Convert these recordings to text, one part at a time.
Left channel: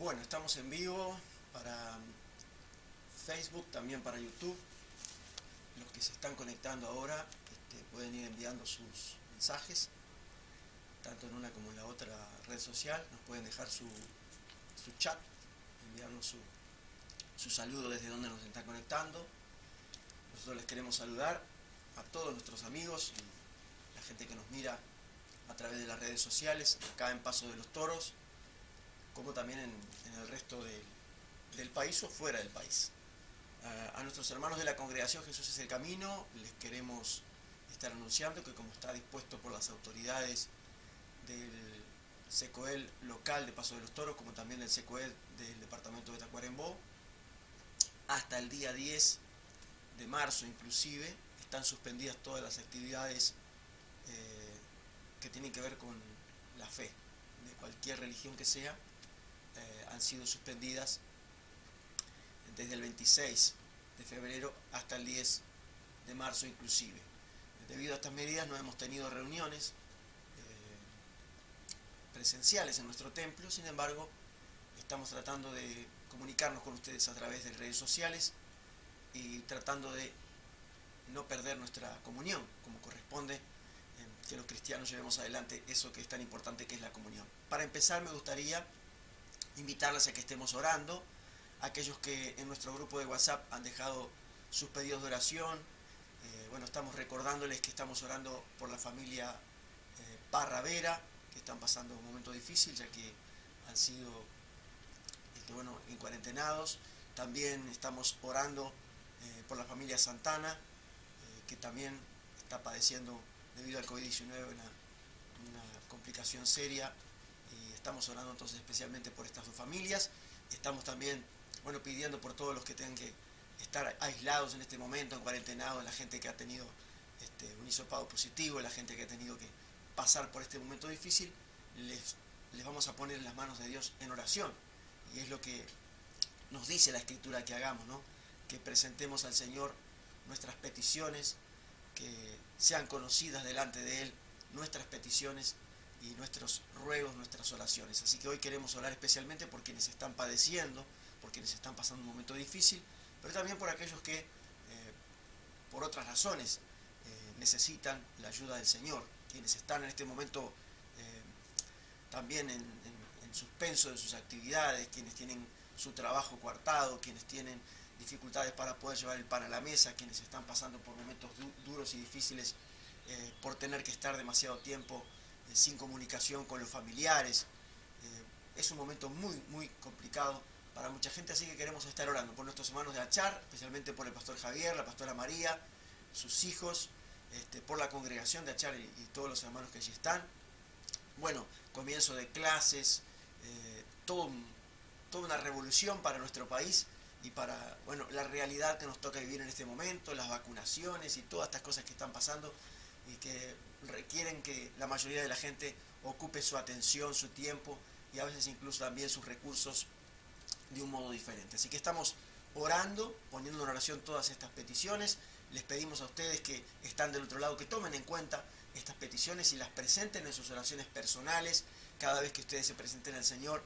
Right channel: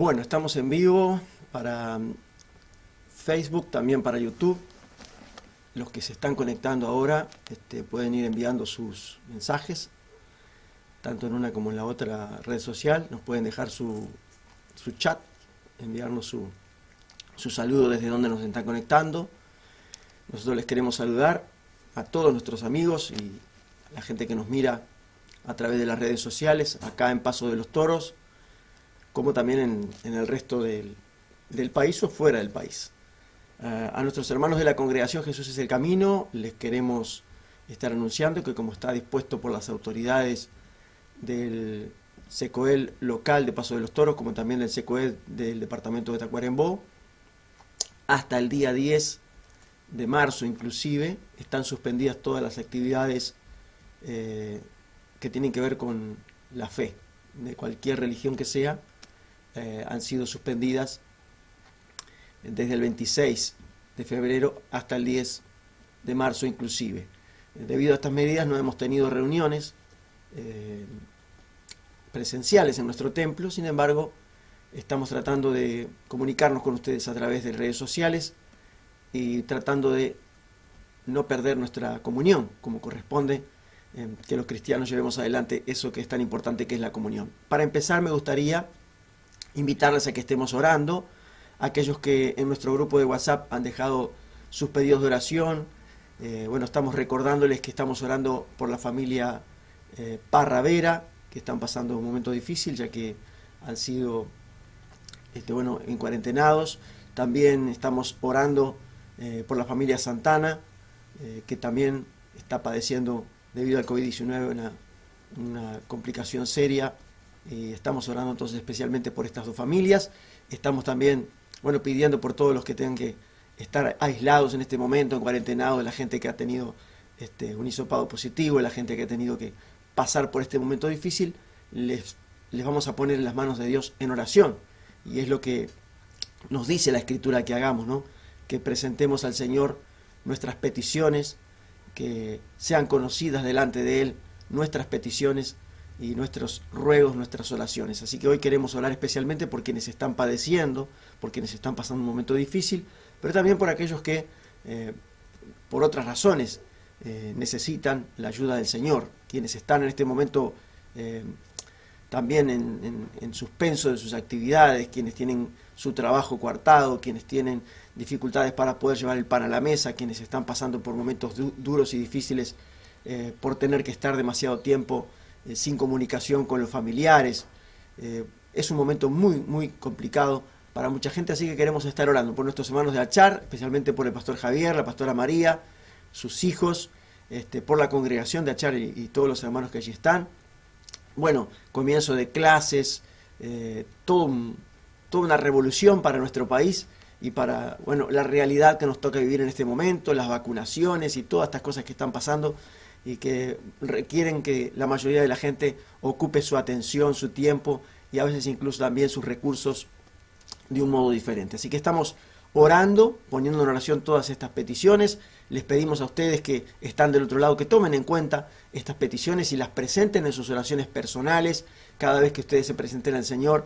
Bueno, estamos en vivo para Facebook, también para YouTube. Los que se están conectando ahora pueden ir enviando sus mensajes, tanto en una como en la otra red social. Nos pueden dejar su chat, enviarnos su saludo desde donde nos están conectando. Nosotros les queremos saludar a todos nuestros amigos y la gente que nos mira a través de las redes sociales, acá en Paso de los Toros, como también en el resto del país o fuera del país. A nuestros hermanos de la Congregación Jesús es el Camino, les queremos estar anunciando que, como está dispuesto por las autoridades del SECOEL local de Paso de los Toros, como también del SECOEL del departamento de Tacuarembó, hasta el día 10 de marzo inclusive, están suspendidas todas las actividades que tienen que ver con la fe, de cualquier religión que sea. Han sido suspendidas desde el 26 de febrero hasta el 10 de marzo inclusive. Debido a estas medidas no hemos tenido reuniones presenciales en nuestro templo. Sin embargo, estamos tratando de comunicarnos con ustedes a través de redes sociales y tratando de no perder nuestra comunión, como corresponde, que los cristianos llevemos adelante eso que es tan importante, que es la comunión. Para empezar, me gustaría invitarles a que estemos orando. Aquellos que en nuestro grupo de WhatsApp han dejado sus pedidos de oración, bueno, estamos recordándoles que estamos orando por la familia Parra Vera, que están pasando un momento difícil, ya que han sido en cuarentenados. También estamos orando por la familia Santana, que también está padeciendo debido al COVID-19 una complicación seria. Estamos orando entonces especialmente por estas dos familias. Estamos también, pidiendo por todos los que tengan que estar aislados en este momento, en cuarentenados, la gente que ha tenido un hisopado positivo, la gente que ha tenido que pasar por este momento difícil. Les vamos a poner en las manos de Dios en oración. Y es lo que nos dice la Escritura que hagamos, ¿no? Que presentemos al Señor nuestras peticiones, que sean conocidas delante de Él nuestras peticiones y nuestros ruegos, nuestras oraciones. Así que hoy queremos orar especialmente por quienes están padeciendo, por quienes están pasando un momento difícil, pero también por aquellos que por otras razones necesitan la ayuda del Señor, quienes están en este momento también en suspenso de sus actividades, quienes tienen su trabajo coartado, quienes tienen dificultades para poder llevar el pan a la mesa, quienes están pasando por momentos duros y difíciles por tener que estar demasiado tiempo sin comunicación con los familiares. Es un momento muy, muy complicado para mucha gente, así que queremos estar orando por nuestros hermanos de Achar, especialmente por el pastor Javier, la pastora María, sus hijos, por la congregación de Achar y todos los hermanos que allí están. Bueno, comienzo de clases, toda una revolución para nuestro país y para la realidad que nos toca vivir en este momento, las vacunaciones y todas estas cosas que están pasando y que requieren que la mayoría de la gente ocupe su atención, su tiempo y a veces incluso también sus recursos de un modo diferente. Así que estamos orando, poniendo en oración todas estas peticiones. Les pedimos a ustedes que están del otro lado que tomen en cuenta estas peticiones y las presenten en sus oraciones personales. Cada vez que ustedes se presenten al Señor,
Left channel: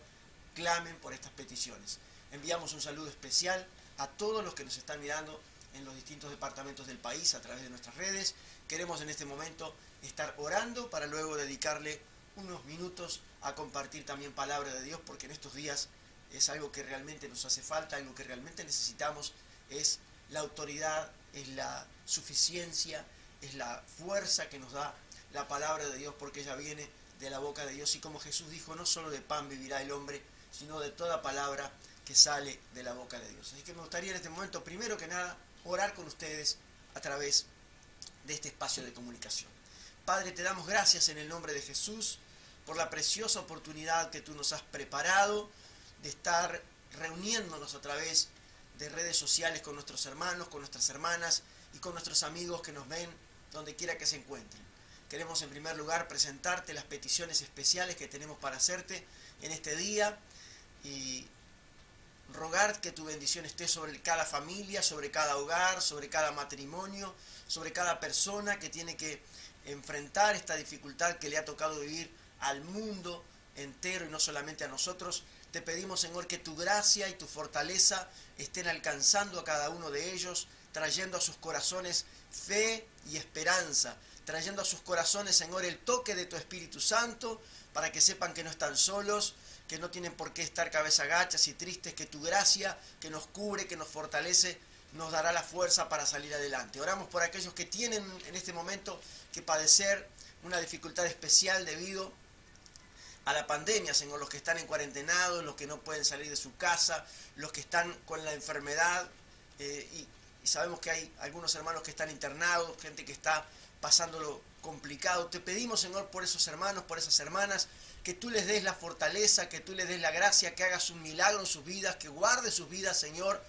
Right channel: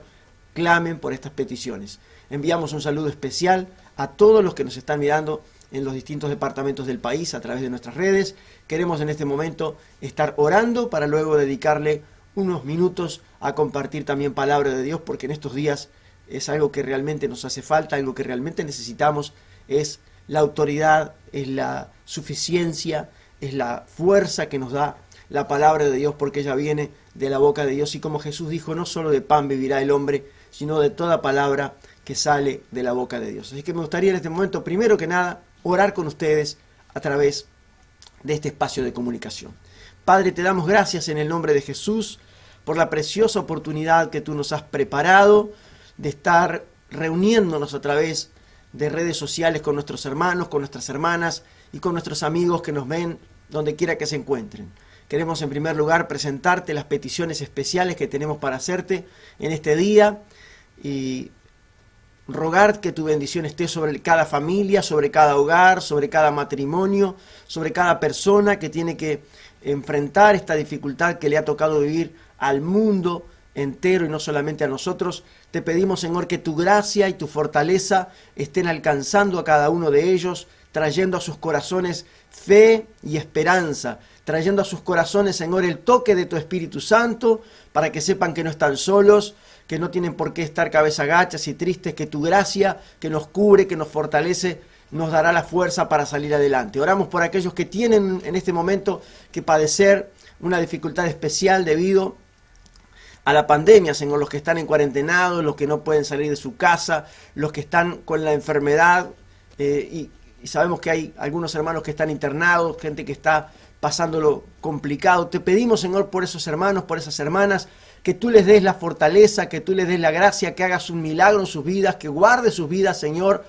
clamen por estas peticiones. Enviamos un saludo especial a todos los que nos están mirando en los distintos departamentos del país a través de nuestras redes. Queremos en este momento estar orando para luego dedicarle unos minutos a compartir también palabra de Dios, porque en estos días es algo que realmente nos hace falta, algo que realmente necesitamos, es la autoridad, es la suficiencia, es la fuerza que nos da la palabra de Dios, porque ella viene de la boca de Dios. Y como Jesús dijo, no solo de pan vivirá el hombre, sino de toda palabra que sale de la boca de Dios. Así que me gustaría en este momento, primero que nada, orar con ustedes a través de este espacio de comunicación. Padre, te damos gracias en el nombre de Jesús por la preciosa oportunidad que tú nos has preparado de estar reuniéndonos a través de redes sociales con nuestros hermanos, con nuestras hermanas y con nuestros amigos que nos ven donde quiera que se encuentren. Queremos en primer lugar presentarte las peticiones especiales que tenemos para hacerte en este día y rogar que tu bendición esté sobre cada familia, sobre cada hogar, sobre cada matrimonio, sobre cada persona que tiene que enfrentar esta dificultad que le ha tocado vivir al mundo entero y no solamente a nosotros. Te pedimos, Señor, que tu gracia y tu fortaleza estén alcanzando a cada uno de ellos, trayendo a sus corazones fe y esperanza, trayendo a sus corazones, Señor, el toque de tu Espíritu Santo, para que sepan que no están solos, que no tienen por qué estar cabeza agachas y tristes, que tu gracia, que nos cubre, que nos fortalece, nos dará la fuerza para salir adelante. Oramos por aquellos que tienen en este momento que padecer una dificultad especial debido a la pandemia, Señor, los que están en cuarentenados, los que no pueden salir de su casa, los que están con la enfermedad, y sabemos que hay algunos hermanos que están internados, gente que está pasándolo complicado. Te pedimos, Señor, por esos hermanos, por esas hermanas, que tú les des la fortaleza, que tú les des la gracia, que hagas un milagro en sus vidas, que guardes sus vidas, Señor,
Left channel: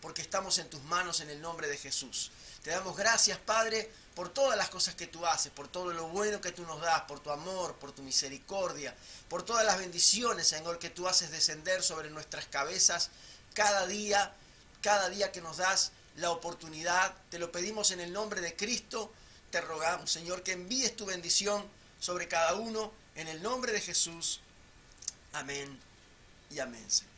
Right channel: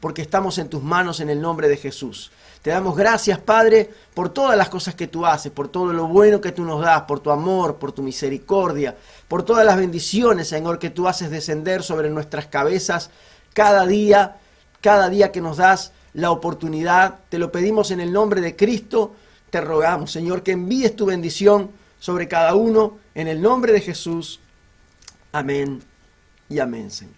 porque estamos en tus manos en el nombre de Jesús. Te damos gracias, Padre, por todas las cosas que tú haces, por todo lo bueno que tú nos das, por tu amor, por tu misericordia, por todas las bendiciones, Señor, que tú haces descender sobre nuestras cabezas cada día que nos das la oportunidad. Te lo pedimos en el nombre de Cristo. Te rogamos, Señor, que envíes tu bendición sobre cada uno, en el nombre de Jesús. Amén y amén, Señor.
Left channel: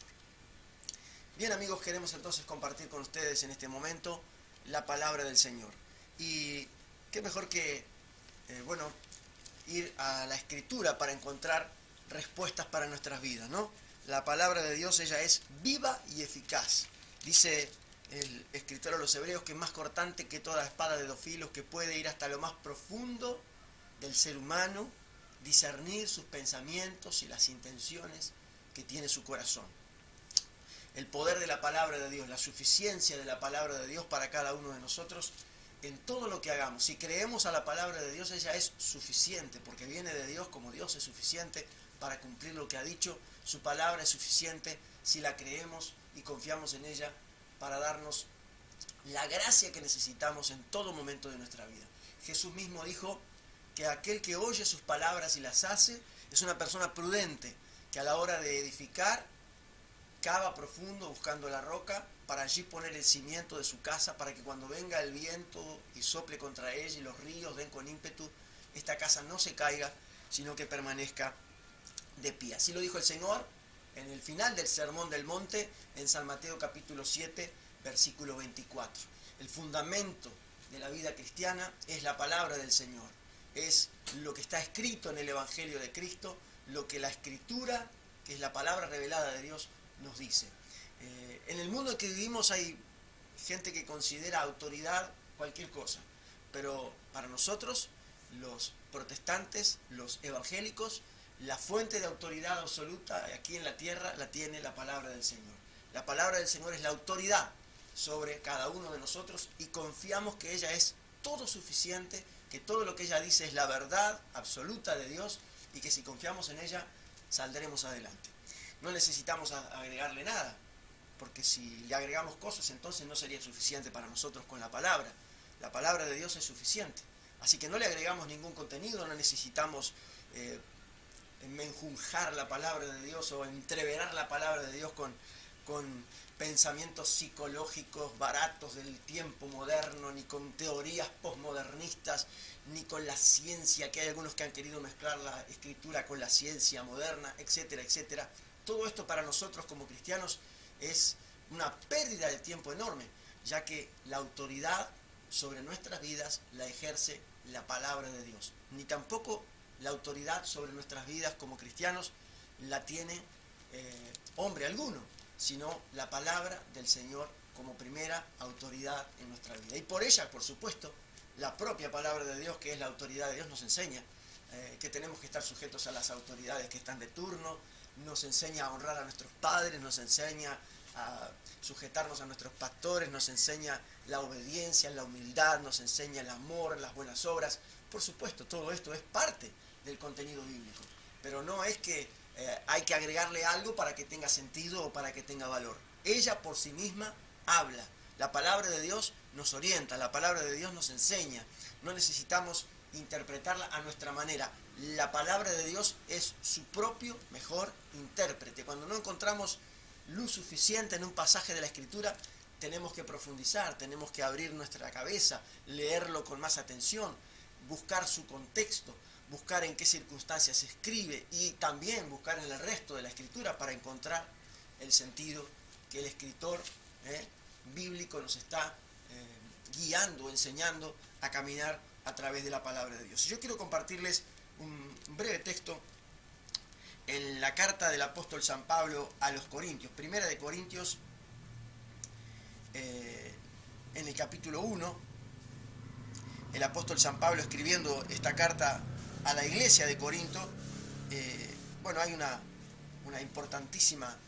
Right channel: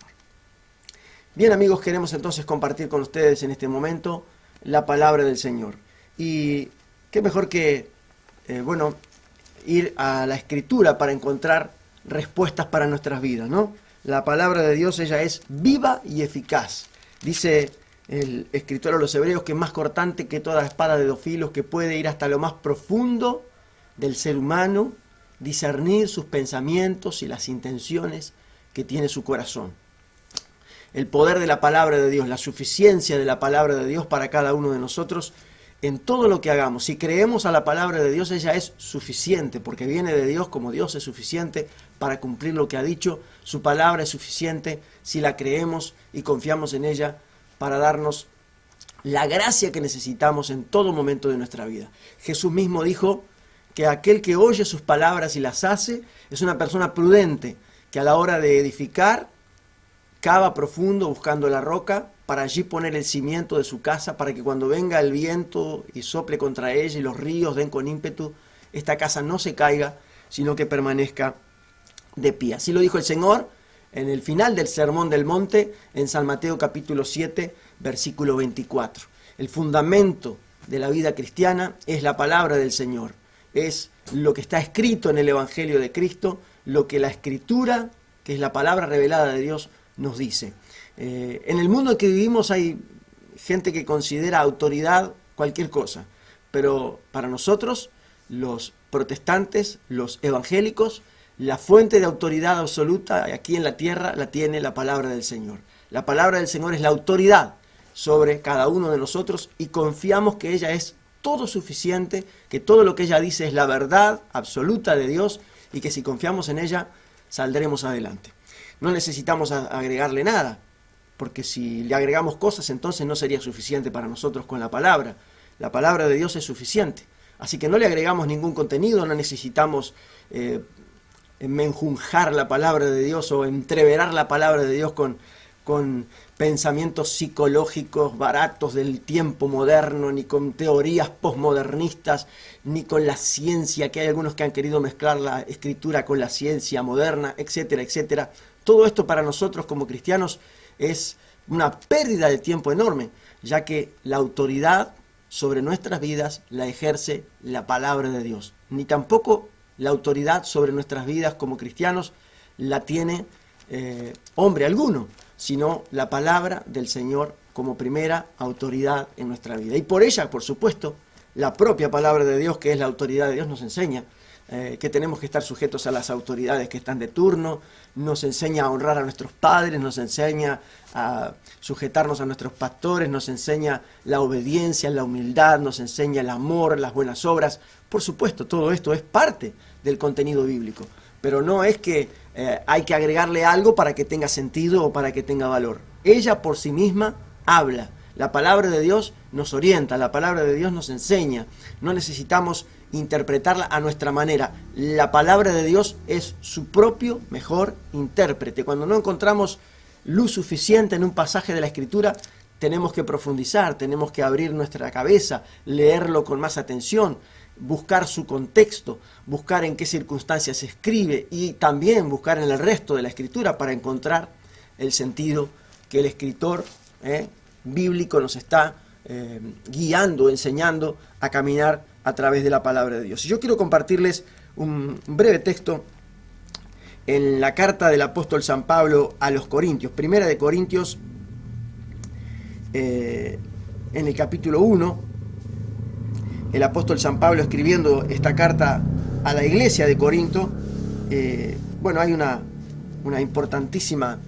Bien, amigos, queremos entonces compartir con ustedes en este momento la palabra del Señor. Y qué mejor que, ir a la Escritura para encontrar respuestas para nuestras vidas, ¿no? La palabra de Dios, ella es viva y eficaz. Dice el escritor a los Hebreos que es más cortante que toda espada de 2 filos, que puede ir hasta lo más profundo del ser humano, discernir sus pensamientos y las intenciones que tiene su corazón. El poder de la palabra de Dios, la suficiencia de la palabra de Dios para cada uno de nosotros en todo lo que hagamos. Si creemos a la palabra de Dios, ella es suficiente, porque viene de Dios, como Dios es suficiente para cumplir lo que ha dicho. Su palabra es suficiente si la creemos y confiamos en ella para darnos la gracia que necesitamos en todo momento de nuestra vida. Jesús mismo dijo que aquel que oye sus palabras y las hace es una persona prudente, que a la hora de edificar cava profundo buscando la roca para allí poner el cimiento de su casa, para que cuando venga el viento y sople contra ella y los ríos den con ímpetu, esta casa no se caiga, sino que permanezca de pie. Así lo dijo el Señor en el final del Sermón del Monte, en San Mateo capítulo 7, versículo 24. El fundamento de la vida cristiana es la palabra del Señor, es lo que está escrito en el Evangelio de Cristo, lo que la Escritura, que es la palabra revelada de Dios, nos dice. En el mundo en que vivimos hay gente que considera autoridad cualquier cosa, pero para nosotros, los protestantes, los evangélicos, la fuente de autoridad absoluta aquí en la tierra la tiene la palabra del Señor. La palabra del Señor es la autoridad sobre cada uno de nosotros y confiamos que ella es todo suficiente, que todo lo que ella dice es la verdad absoluta de Dios y que si confiamos en ella saldremos adelante. No necesitamos agregarle nada, porque si le agregamos cosas entonces no sería suficiente para nosotros con la palabra. La palabra de Dios es suficiente. Así que no le agregamos ningún contenido, no necesitamos menjunjar la palabra de Dios o entreverar la palabra de Dios con pensamientos psicológicos baratos del tiempo moderno, ni con teorías posmodernistas, ni con la ciencia, que hay algunos que han querido mezclar la escritura con la ciencia moderna, etcétera, etcétera. Todo esto para nosotros como cristianos es una pérdida de tiempo enorme, ya que la autoridad sobre nuestras vidas la ejerce la palabra de Dios. Ni tampoco la autoridad sobre nuestras vidas como cristianos la tiene hombre alguno, sino la palabra del Señor como primera autoridad en nuestra vida. Y por ella, por supuesto, la propia palabra de Dios, que es la autoridad de Dios, nos enseña que tenemos que estar sujetos a las autoridades que están de turno, nos enseña a honrar a nuestros padres, nos enseña a sujetarnos a nuestros pastores, nos enseña la obediencia, la humildad, nos enseña el amor, las buenas obras. Por supuesto, todo esto es parte del contenido bíblico, pero no es que hay que agregarle algo para que tenga sentido o para que tenga valor. Ella por sí misma habla. La palabra de Dios nos orienta, la palabra de Dios nos enseña. No necesitamos interpretarla a nuestra manera. La palabra de Dios es su propio mejor intérprete. Cuando no encontramos luz suficiente en un pasaje de la Escritura, tenemos que profundizar, tenemos que abrir nuestra cabeza, leerlo con más atención buscar su contexto, buscar en qué circunstancias se escribe y también buscar en el resto de la escritura para encontrar el sentido que el escritor bíblico nos está guiando, enseñando a caminar a través de la palabra de Dios. Y yo quiero compartirles un breve texto en la carta del apóstol San Pablo a los Corintios, Primera de Corintios, en el capítulo 1, el apóstol San Pablo escribiendo esta carta a la iglesia de Corinto. Bueno, hay una importantísima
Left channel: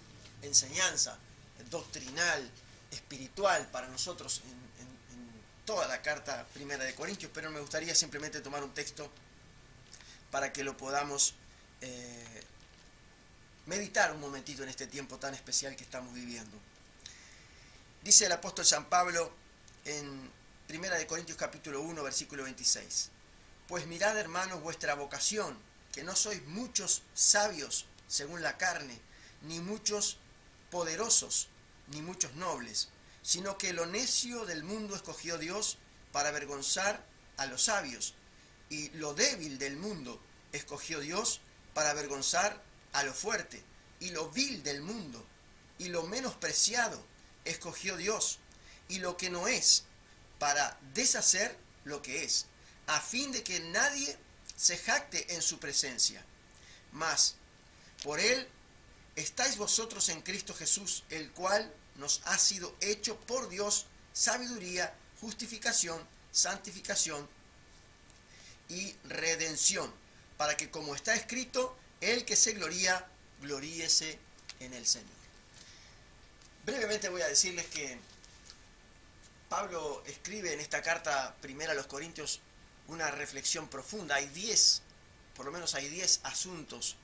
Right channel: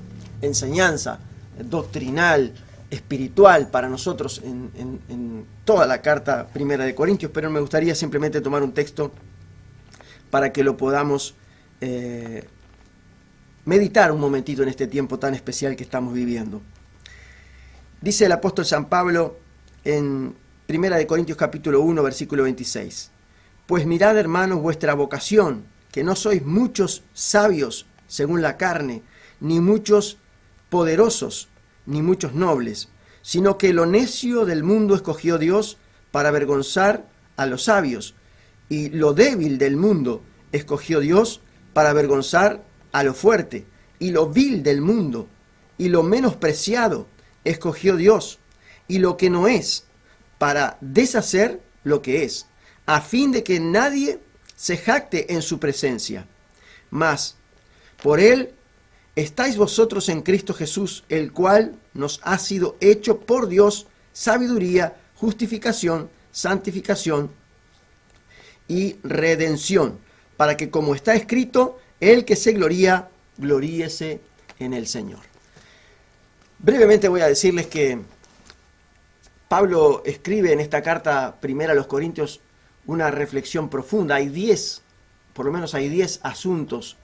enseñanza doctrinal, espiritual para nosotros en toda la carta Primera de Corintios, pero me gustaría simplemente tomar un texto para que lo podamos meditar un momentito en este tiempo tan especial que estamos viviendo. Dice el apóstol San Pablo en Primera de Corintios capítulo 1, versículo 26. Pues mirad, hermanos, vuestra vocación, que no sois muchos sabios según la carne, ni muchos poderosos, ni muchos nobles, sino que lo necio del mundo escogió Dios para avergonzar a los sabios, y lo débil del mundo escogió Dios para avergonzar a lo fuerte, y lo vil del mundo, y lo menospreciado escogió Dios, y lo que no es, para deshacer lo que es, a fin de que nadie se jacte en su presencia. Mas por él estáis vosotros en Cristo Jesús, el cual nos ha sido hecho por Dios sabiduría, justificación, santificación y redención, para que, como está escrito, el que se gloría, gloríese en el Señor. Brevemente voy a decirles que Pablo escribe en esta carta primera a los Corintios una reflexión profunda. Por lo menos hay 10 asuntos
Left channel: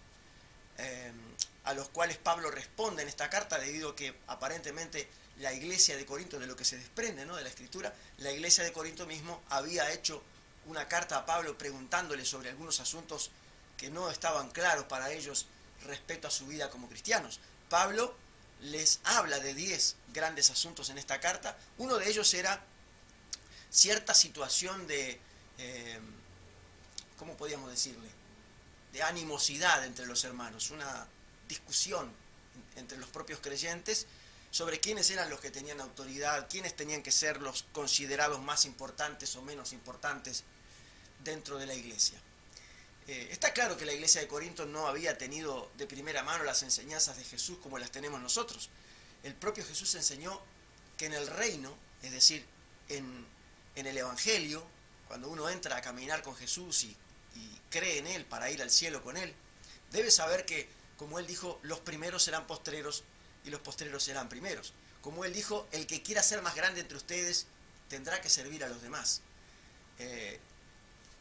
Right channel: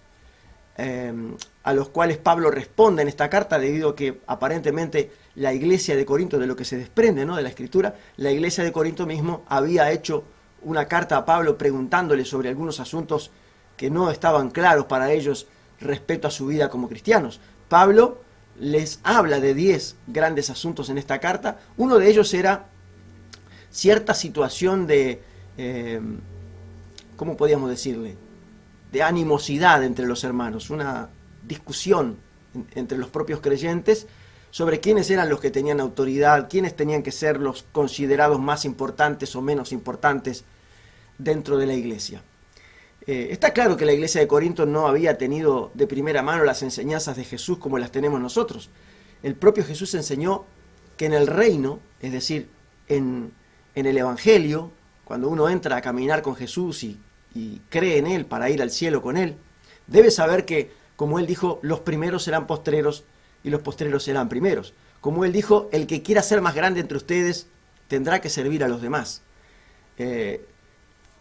a los cuales Pablo responde en esta carta, debido a que aparentemente la iglesia de Corinto, de lo que se desprende, ¿no?, de la escritura, la iglesia de Corinto mismo había hecho una carta a Pablo preguntándole sobre algunos asuntos que no estaban claros para ellos respecto a su vida como cristianos. Pablo les habla de 10 grandes asuntos en esta carta. Uno de ellos era cierta situación de, ¿cómo podríamos decirle?, de animosidad entre los hermanos, una discusión entre los propios creyentes sobre quiénes eran los que tenían autoridad, quiénes tenían que ser los considerados más importantes o menos importantes dentro de la iglesia. Está claro que la iglesia de Corinto no había tenido de primera mano las enseñanzas de Jesús como las tenemos nosotros. El propio Jesús enseñó que en el reino, es decir, en el Evangelio, cuando uno entra a caminar con Jesús y cree en Él para ir al cielo con Él, debe saber que, como Él dijo, los primeros serán postreros y los postreros serán primeros. Como Él dijo, el que quiera ser más grande entre ustedes tendrá que servir a los demás.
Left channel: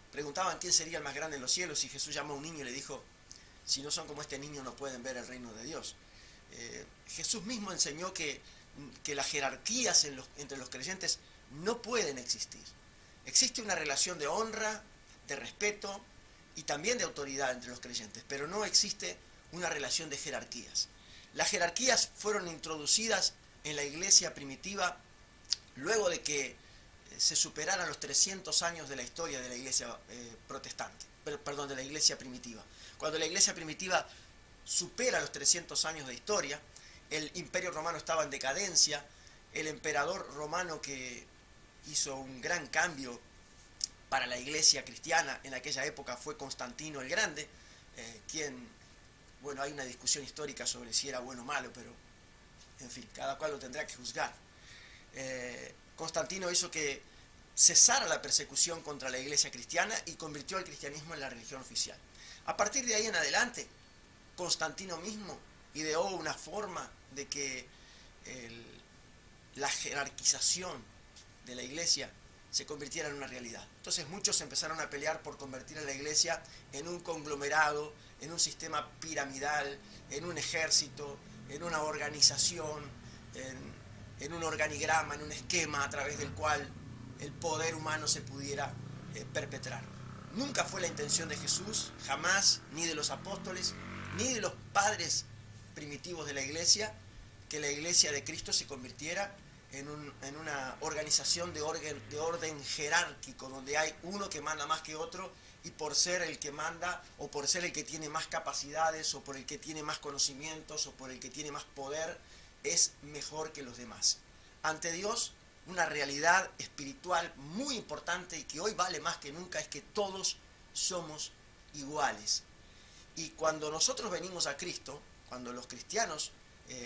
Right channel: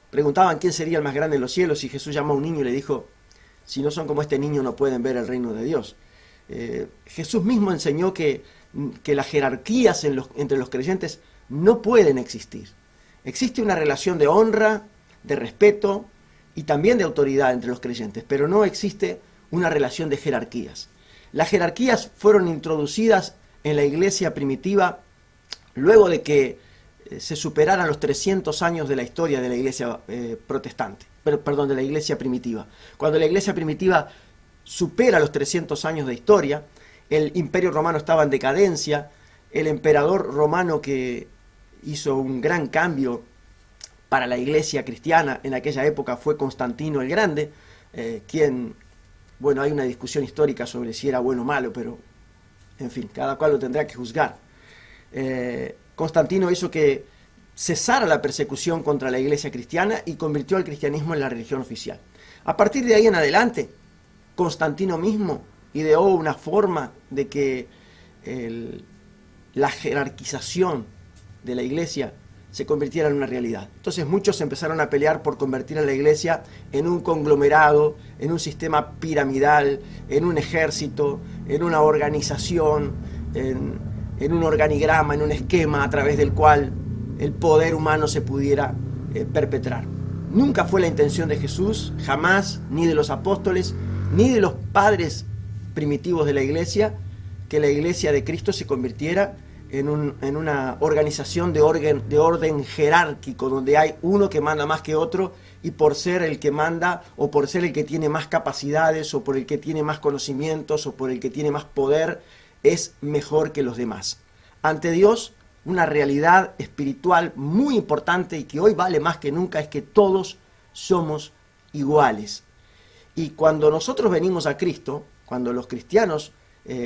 Preguntaban quién sería el más grande en los cielos, y Jesús llamó a un niño y le dijo: si no son como este niño no pueden ver el reino de Dios. Jesús mismo enseñó que las jerarquías entre los creyentes no pueden existir. Existe una relación de honra, de respeto y también de autoridad entre los creyentes, pero no existe una relación de jerarquías. Las jerarquías fueron introducidas en la iglesia primitiva luego de que se superaran los 300 años de la historia de la iglesia de la iglesia primitiva. Cuando la iglesia primitiva supera los 300 años de historia, el Imperio Romano estaba en decadencia, el emperador romano que hizo un gran cambio para la iglesia cristiana en aquella época fue Constantino el Grande, quien, bueno, hay una discusión histórica sobre si era bueno o malo, pero, en fin, cada cual lo tendrá que juzgar. Constantino hizo que cesara la persecución contra la iglesia cristiana y convirtió al cristianismo en la religión oficial. A partir de ahí en adelante, Constantino mismo ideó una forma de que la jerarquización de la iglesia se convirtiera en una realidad. Entonces muchos empezaron a pelear por convertir a la iglesia en un conglomerado, en un sistema piramidal, en un ejército, en una organización, en un organigrama, en un esquema a través del cual el poder humano se pudiera perpetrar. Nunca fue la intención de Jesús, jamás, ni de los apóstoles, ni de los padres primitivos de la iglesia, que la iglesia de Cristo se convirtiera en una organización de orden jerárquico, donde hay uno que manda más que otro, y por ser el que manda, o por ser el que tiene más capacidades, o por el que tiene más conocimientos, o por el que tiene más poder, es mejor que los demás. Ante Dios, una realidad espiritual muy importante y que hoy vale más que nunca es que todos somos iguales. Y cuando nosotros venimos a Cristo, cuando los cristianos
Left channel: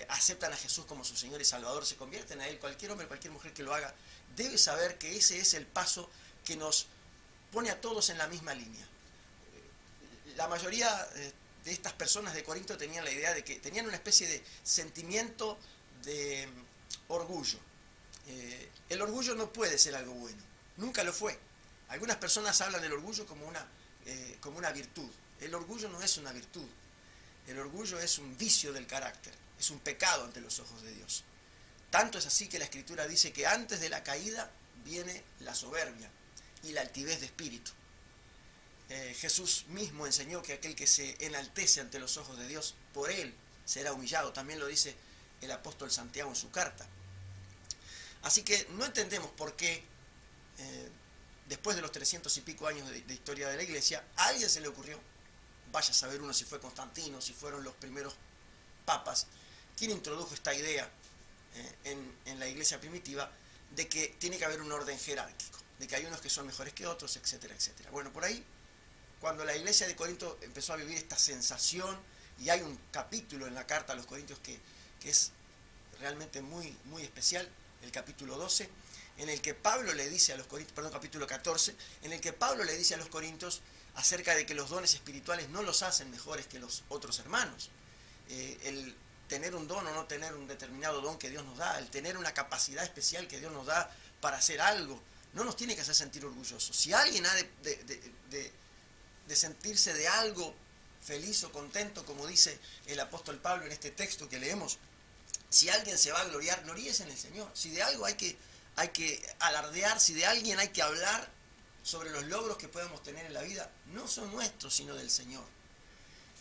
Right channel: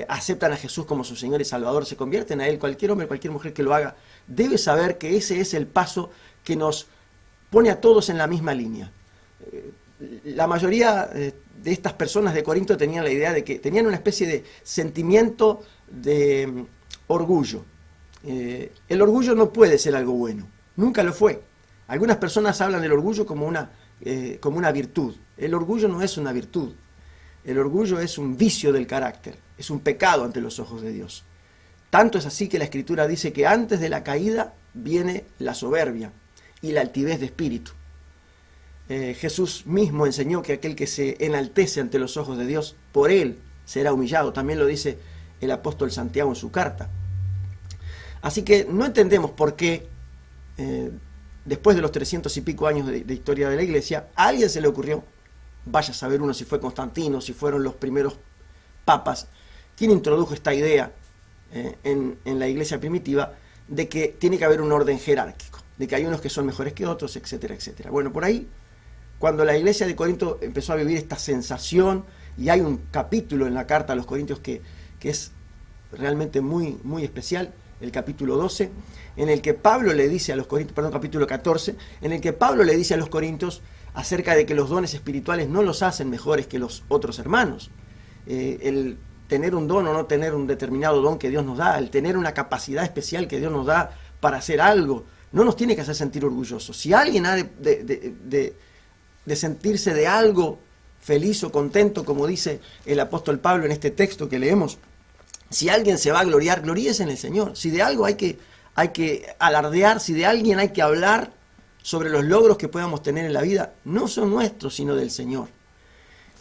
aceptan a Jesús como su Señor y Salvador, se convierten a Él, cualquier hombre, cualquier mujer que lo haga, debe saber que ese es el paso que nos pone a todos en la misma línea. La mayoría de estas personas de Corinto tenían la idea de que tenían una especie de sentimiento de orgullo. El orgullo no puede ser algo bueno, nunca lo fue. Algunas personas hablan del orgullo como una virtud. El orgullo no es una virtud. El orgullo es un vicio del carácter, es un pecado ante los ojos de Dios. Tanto es así que la Escritura dice que antes de la caída viene la soberbia y la altivez de espíritu. Jesús mismo enseñó que aquel que se enaltece ante los ojos de Dios, por él será humillado. También lo dice el apóstol Santiago en su carta. Así que no entendemos por qué, después de los 300 y pico años de historia de la Iglesia, a alguien se le ocurrió, vaya a saber uno si fue Constantino, si fueron los primeros papas, quien introdujo esta idea en la Iglesia primitiva, de que tiene que haber un orden jerárquico, de que hay unos que son mejores que otros, etcétera, etcétera. Bueno, por ahí, cuando la Iglesia de Corinto empezó a vivir esta sensación, y hay un capítulo en la carta a los Corintios que es realmente muy, muy especial, el capítulo 12, en el que Pablo le dice a los Corintios, perdón, capítulo 14, en el que Pablo le dice a los Corintios acerca de que los dones espirituales no los hacen mejores que los otros hermanos. El tener un don o no tener un determinado don que Dios nos da, el tener una capacidad especial que Dios nos da para hacer algo, no nos tiene que hacer sentir orgullosos. Si alguien ha de sentirse de algo feliz o contento, como dice el apóstol Pablo en este texto que leemos, si alguien se va a gloriar, gloríese en el Señor. Si de algo hay que alardear, si de alguien hay que hablar sobre los logros que podamos tener en la vida, no son nuestros, sino del Señor.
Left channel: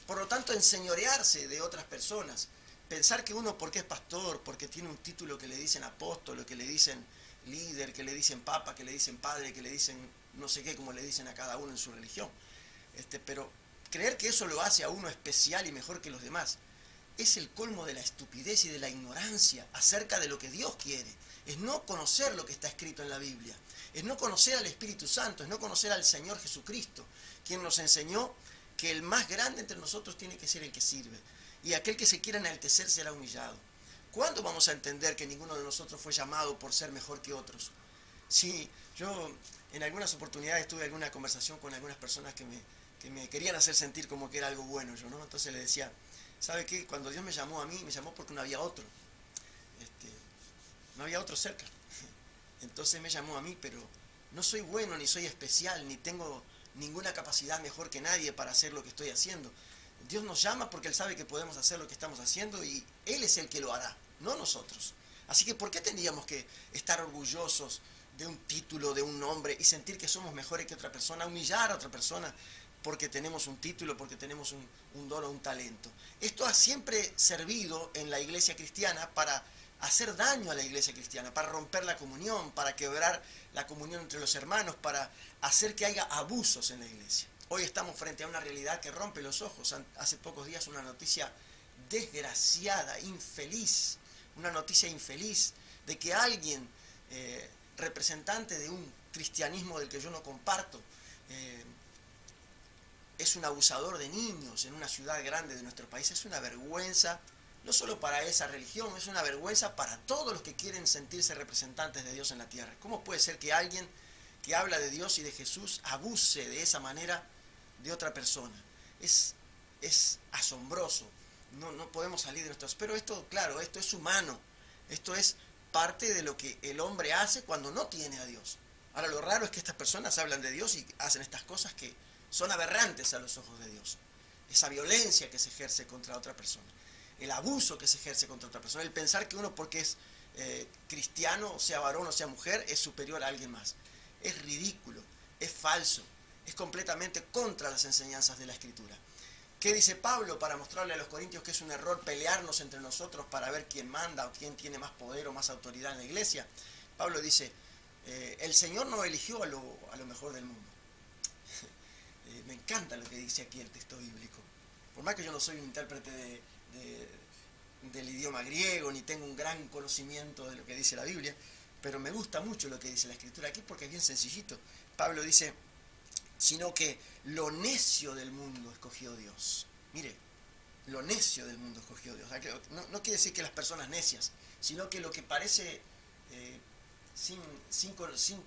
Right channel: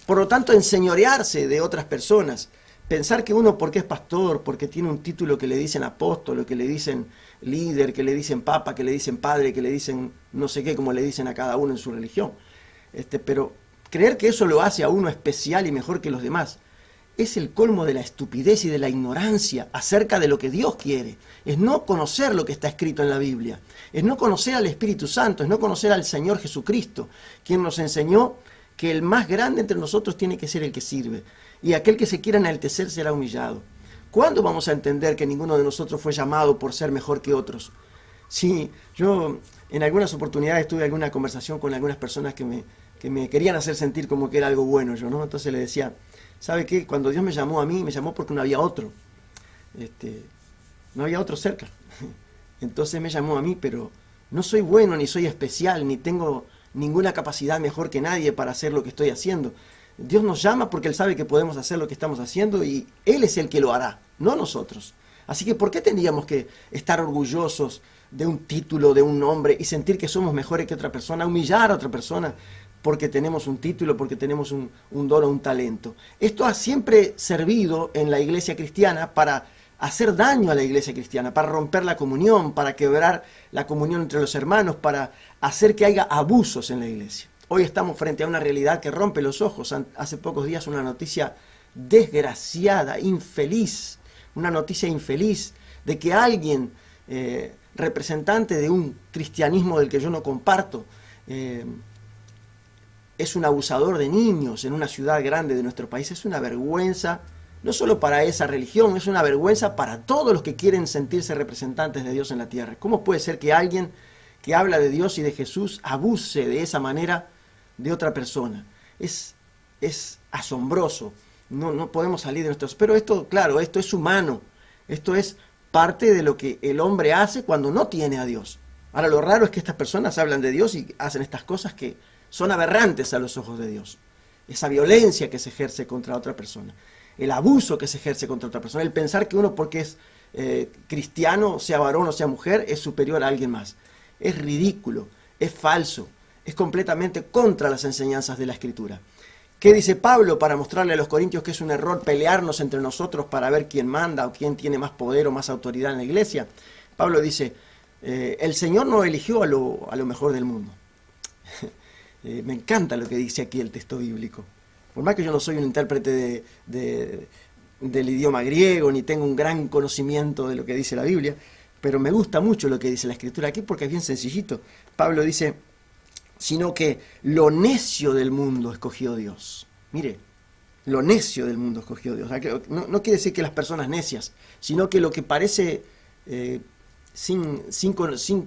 Por lo tanto, enseñorearse de otras personas, pensar que uno porque es pastor, porque tiene un título que le dicen apóstol, que le dicen líder, que le dicen papa, que le dicen padre, que le dicen no sé qué, como le dicen a cada uno en su religión. Pero creer que eso lo hace a uno especial y mejor que los demás, es el colmo de la estupidez y de la ignorancia acerca de lo que Dios quiere. Es no conocer lo que está escrito en la Biblia. Es no conocer al Espíritu Santo, es no conocer al Señor Jesucristo, quien nos enseñó que el más grande entre nosotros tiene que ser el que sirve. Y aquel que se quiera enaltecer será humillado. ¿Cuándo vamos a entender que ninguno de nosotros fue llamado por ser mejor que otros? Sí, yo en algunas oportunidades tuve alguna conversación con algunas personas que me querían hacer sentir como que era algo bueno yo, ¿no? Entonces le decía, ¿sabe qué? Cuando Dios me llamó a mí, me llamó porque no había otro. No había otro cerca. Entonces me llamó a mí, pero no soy bueno, ni soy especial, ni tengo ninguna capacidad mejor que nadie para hacer lo que estoy haciendo. Dios nos llama porque Él sabe que podemos hacer lo que estamos haciendo y Él es el que lo hará, no nosotros. Así que ¿por qué tendríamos que estar orgullosos de un título, de un nombre y sentir que somos mejores que otra persona, humillar a otra persona porque tenemos un título, porque tenemos un don o un talento? Esto ha siempre servido en la iglesia cristiana para hacer daño a la iglesia cristiana, para romper la comunión, para quebrar la comunión entre los hermanos, para hacer que haya abusos en la iglesia. Hoy estamos frente a una realidad que rompe los ojos. Hace pocos días una noticia desgraciada, infeliz, una noticia infeliz de que alguien, representante de un cristianismo del que yo no comparto, es un abusador de niños en una ciudad grande de nuestro país. Es una vergüenza, no solo para esa religión, es una vergüenza para todos los que quieren sentirse representantes de Dios en la tierra. ¿Cómo puede ser que alguien que habla de Dios y de Jesús abuse de esa manera de otra persona? Es asombroso. No podemos salir de nuestros... Pero esto, claro, esto es humano. Esto es parte de lo que el hombre hace cuando no tiene a Dios. Ahora, lo raro es que estas personas hablan de Dios y hacen estas cosas que son aberrantes a los ojos de Dios. Esa violencia que se ejerce contra otra persona, el abuso que se ejerce contra otra persona, el pensar que uno porque es cristiano, sea varón o sea mujer, es superior a alguien más. Es ridículo, es falso, es completamente contra las enseñanzas de la Escritura. ¿Qué dice Pablo para mostrarle a los corintios que es un error pelearnos entre nosotros para ver quién manda o quién tiene más poder o más autoridad en la iglesia? Pablo dice, el Señor no eligió a lo mejor del mundo. Me encanta lo que dice aquí el texto bíblico. Por más que yo no soy un intérprete del idioma griego, ni tengo un gran conocimiento de lo que dice la Biblia, pero me gusta mucho lo que dice la Escritura aquí porque es bien sencillito. Pablo dice, sino que lo necio del mundo escogió Dios. Mire, lo necio del mundo escogió Dios. No quiere decir que las personas necias, sino que lo que parece sin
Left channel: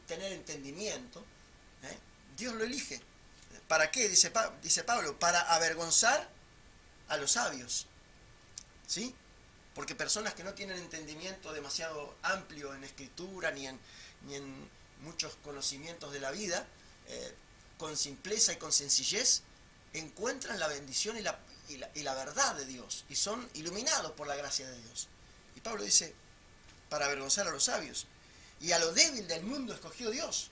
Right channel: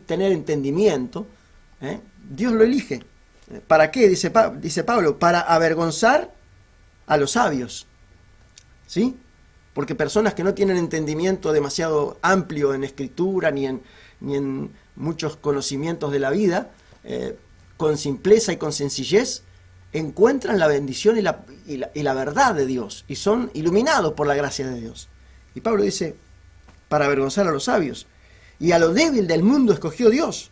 tener entendimiento, Dios lo elige. ¿Para qué? Dice Pablo, para avergonzar a los sabios. ¿Sí? Porque personas que no tienen entendimiento demasiado amplio en escritura ni en muchos conocimientos de la vida, con simpleza y con sencillez, encuentran la bendición y la verdad de Dios y son iluminados por la gracia de Dios. Y Pablo dice, para avergonzar a los sabios. Y a lo débil del mundo escogió Dios,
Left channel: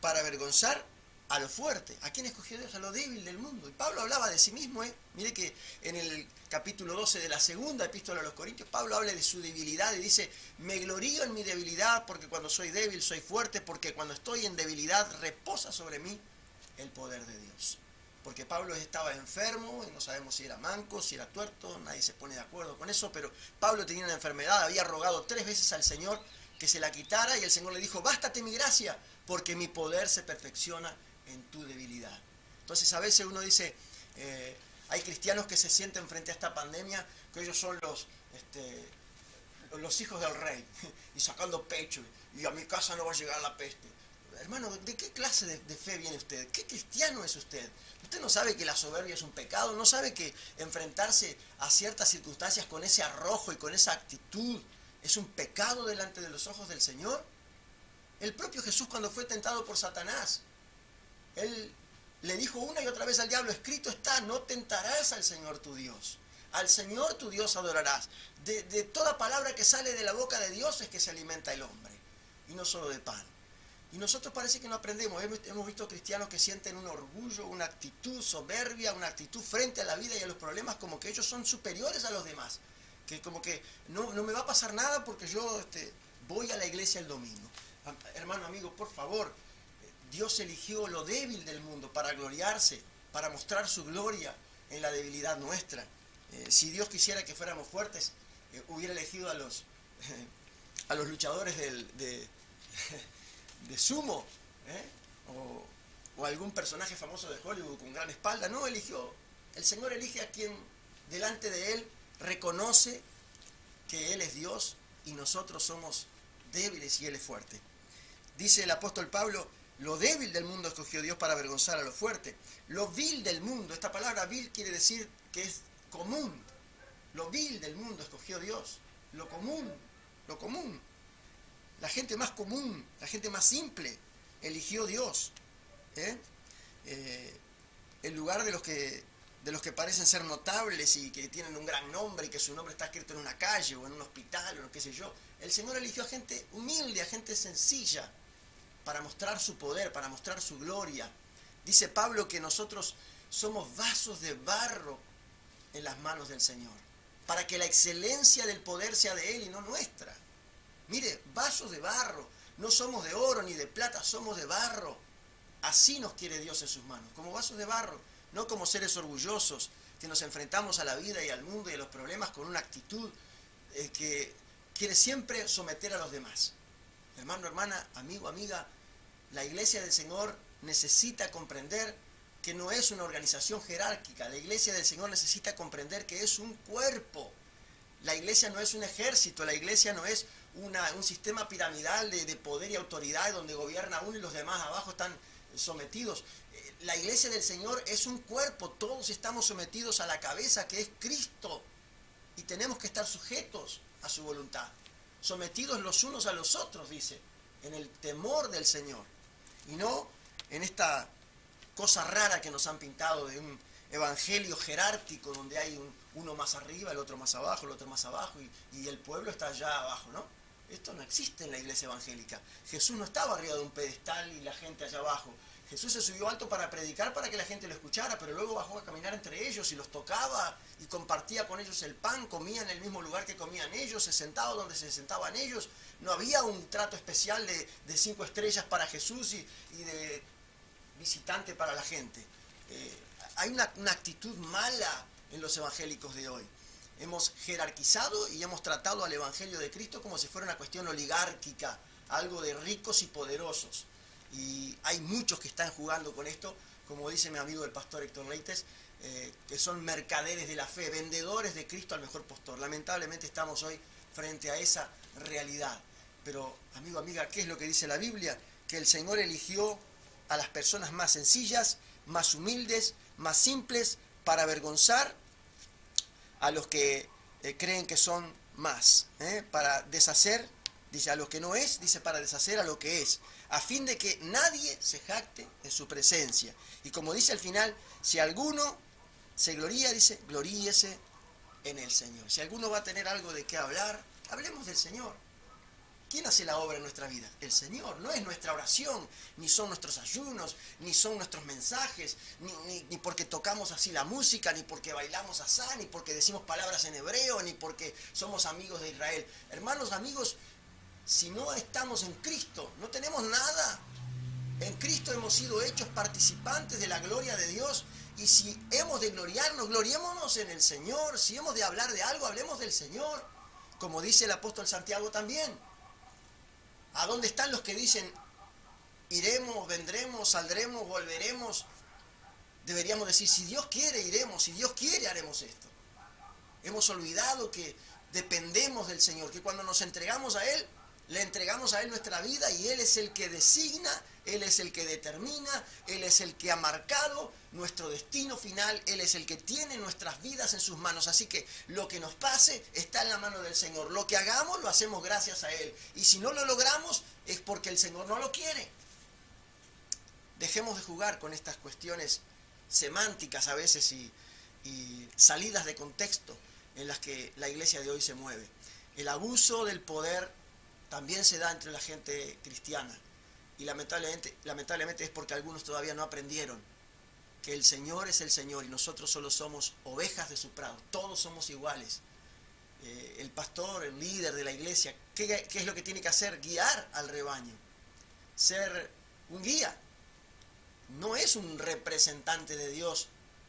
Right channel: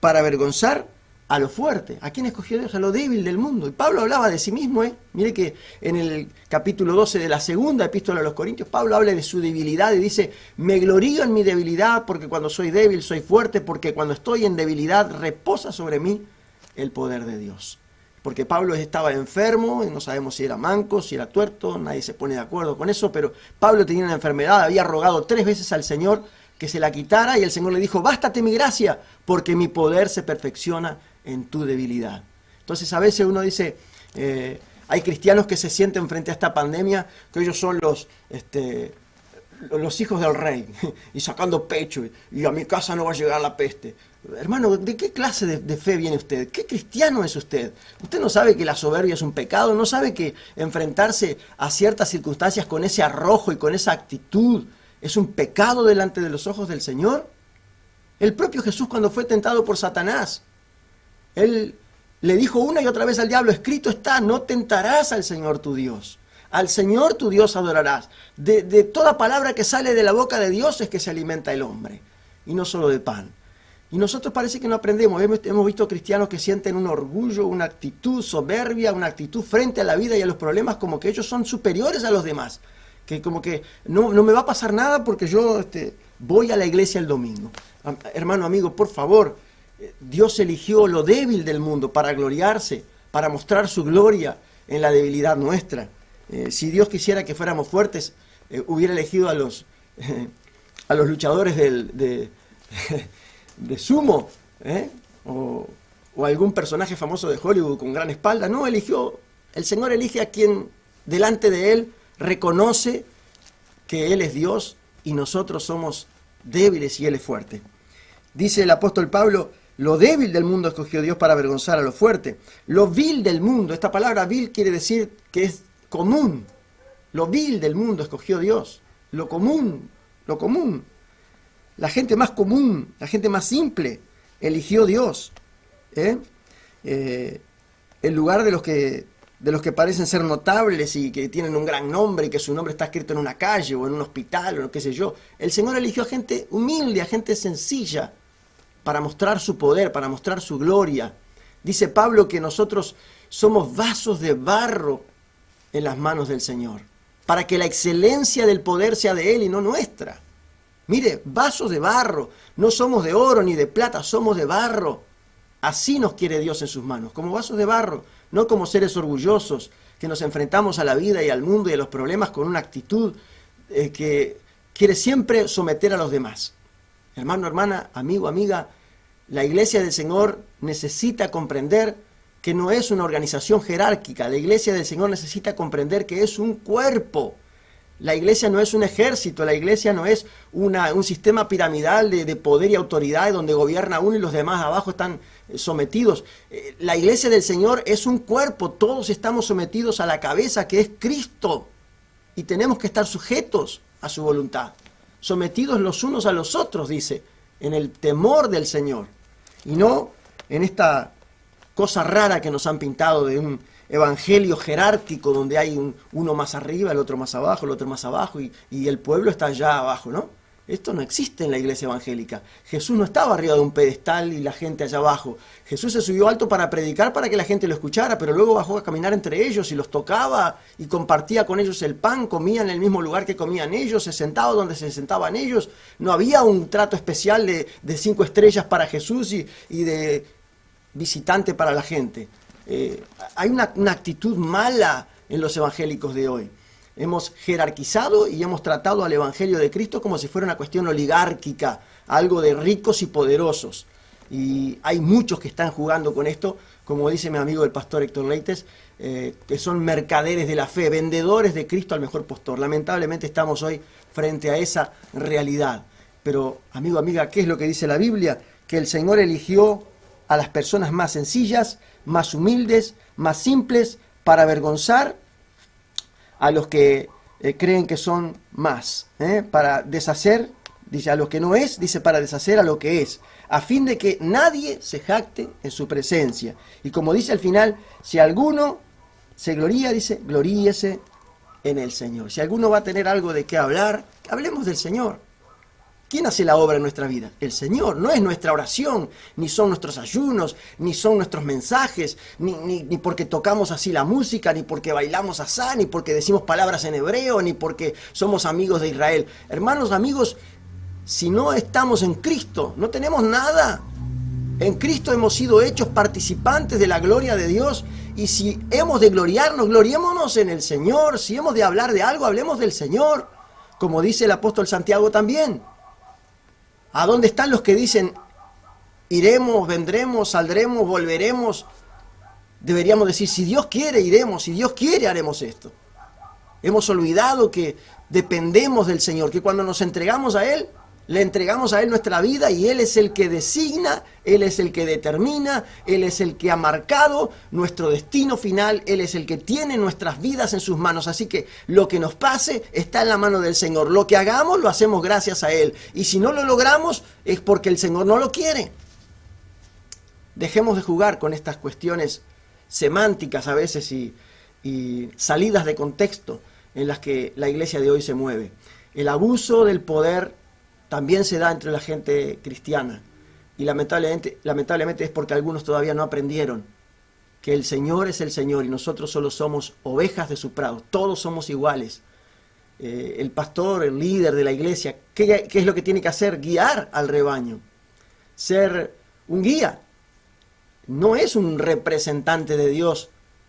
para avergonzar a lo fuerte. ¿A quién escogió Dios? A lo débil del mundo. Y Pablo hablaba de sí mismo, Mire que en el capítulo 12 de la segunda epístola a los Corintios, Pablo habla de su debilidad y dice, me glorío en mi debilidad, porque cuando soy débil soy fuerte, porque cuando estoy en debilidad reposa sobre mí el poder de Dios. Porque Pablo estaba enfermo, y no sabemos si era manco, si era tuerto, nadie se pone de acuerdo con eso, pero Pablo tenía una enfermedad, había rogado 3 veces al Señor que se la quitara, y el Señor le dijo, bástate mi gracia, porque mi poder se perfecciona en tu debilidad. Entonces a veces uno dice, hay cristianos que se sienten frente a esta pandemia, que ellos son los hijos del rey, y sacando pecho, y a mi casa no va a llegar la peste. Hermano, ¿de qué clase de fe viene usted? ¿Qué cristiano es usted? ¿Usted no sabe que la soberbia es un pecado? ¿No sabe que enfrentarse a ciertas circunstancias con ese arrojo y con esa actitud es un pecado delante de los ojos del Señor? El propio Jesús, cuando fue tentado por Satanás, él le dijo una y otra vez al diablo, escrito está, no tentarás al Señor tu Dios. Al Señor tu Dios adorarás. De toda palabra que sale de la boca de Dios es que se alimenta el hombre, y no solo de pan. Y nosotros parece que no aprendemos. Hemos visto cristianos que sienten un orgullo, una actitud soberbia, una actitud frente a la vida y a los problemas como que ellos son superiores a los demás. Que como que no me va a pasar nada porque yo voy a la iglesia el domingo. Hermano, amigo, por favor, Dios eligió lo débil del mundo para gloriarse, para mostrar su gloria en la debilidad nuestra. Si Dios quisiera que fuéramos fuertes, hubiera elegido a los luchadores de sumo, o algún personaje famoso de Hollywood con gran espalda. No, el Señor elige a quien delante de Él reconoce que Él es Dios y nosotros somos débiles y Él es fuerte. Dice el apóstol Pablo, lo débil del mundo escogió Dios para avergonzar a lo fuerte. Lo vil del mundo, esta palabra vil quiere decir que es común. Lo vil del mundo escogió Dios. Lo común. La gente más común, la gente más simple, eligió Dios. En lugar de los que parecen ser notables y que tienen un gran nombre y que su nombre está escrito en una calle o en un hospital o qué sé yo. El Señor eligió a gente humilde, a gente sencilla, para mostrar su poder, para mostrar su gloria. Dice Pablo que nosotros somos vasos de barro en las manos del Señor, para que la excelencia del poder sea de Él y no nuestra. Mire, vasos de barro, no somos de oro ni de plata, somos de barro. Así nos quiere Dios en sus manos, como vasos de barro, no como seres orgullosos que nos enfrentamos a la vida y al mundo y a los problemas con una actitud que quiere siempre someter a los demás. Hermano, hermana, amigo, amiga, la iglesia del Señor necesita comprender que no es una organización jerárquica. La iglesia del Señor necesita comprender que es un cuerpo. La iglesia no es un ejército, la iglesia no es un sistema piramidal de poder y autoridad donde gobierna uno y los demás abajo están sometidos. La iglesia del Señor es un cuerpo, todos estamos sometidos a la cabeza que es Cristo y tenemos que estar sujetos a su voluntad. Sometidos los unos a los otros, dice, en el temor del Señor, y no en esta cosa rara que nos han pintado de un evangelio jerárquico donde hay uno más arriba, el otro más abajo, el otro más abajo, y el pueblo está allá abajo, ¿no? Esto no existe en la iglesia evangélica. Jesús no estaba arriba de un pedestal y la gente allá abajo. Jesús se subió alto para predicar, para que la gente lo escuchara, pero luego bajó a caminar entre ellos y los tocaba y compartía con ellos el pan, comía en el mismo lugar que comían ellos, se sentaba donde se sentaban ellos. No había un trato especial de 5 estrellas para Jesús y de visitante para la gente. Hay una actitud mala en los evangélicos de hoy. Hemos jerarquizado y hemos tratado al Evangelio de Cristo como si fuera una cuestión oligárquica, algo de ricos y poderosos. Y hay muchos que están jugando con esto, como dice mi amigo el pastor Héctor Leites, que son mercaderes de la fe, vendedores de Cristo al mejor postor. Lamentablemente estamos hoy frente a esa realidad. Pero, amigo, amiga, ¿qué es lo que dice la Biblia? Que el Señor eligió a las personas más sencillas, más humildes, más simples, para avergonzar a los que creen que son más, para deshacer, dice, a lo que no es, dice, para deshacer a lo que es, a fin de que nadie se jacte en su presencia. Y como dice al final, si alguno se gloría, dice, gloríese en el Señor. Si alguno va a tener algo de qué hablar, hablemos del Señor. ¿Quién hace la obra en nuestra vida? El Señor. No es nuestra oración, ni son nuestros ayunos, ni son nuestros mensajes, ni porque tocamos así la música, ni porque bailamos asá, ni porque decimos palabras en hebreo, ni porque somos amigos de Israel. Hermanos, amigos, si no estamos en Cristo, no tenemos nada. En Cristo hemos sido hechos participantes de la gloria de Dios. Y si hemos de gloriarnos, gloriémonos en el Señor. Si hemos de hablar de algo, hablemos del Señor. Como dice el apóstol Santiago también. ¿A dónde están los que dicen, iremos, vendremos, saldremos, volveremos? Deberíamos decir, si Dios quiere, iremos, si Dios quiere, haremos esto. Hemos olvidado que dependemos del Señor, que cuando nos entregamos a Él, le entregamos a Él nuestra vida y Él es el que designa, Él es el que determina, Él es el que ha marcado nuestro destino final, Él es el que tiene nuestras vidas en sus manos. Así que lo que nos pase está en la mano del Señor. Lo que hagamos lo hacemos gracias a Él. Y si no lo logramos es porque el Señor no lo quiere. Dejemos de jugar con estas cuestiones semánticas a veces y salidas de contexto en las que la iglesia de hoy se mueve. El abuso del poder también se da entre la gente cristiana y lamentablemente es porque algunos todavía no aprendieron que el Señor es el Señor y nosotros solo somos ovejas de su prado, todos somos iguales. El pastor, el líder de la iglesia, ¿qué es lo que tiene que hacer? Guiar al rebaño, ser un guía. No es un representante de Dios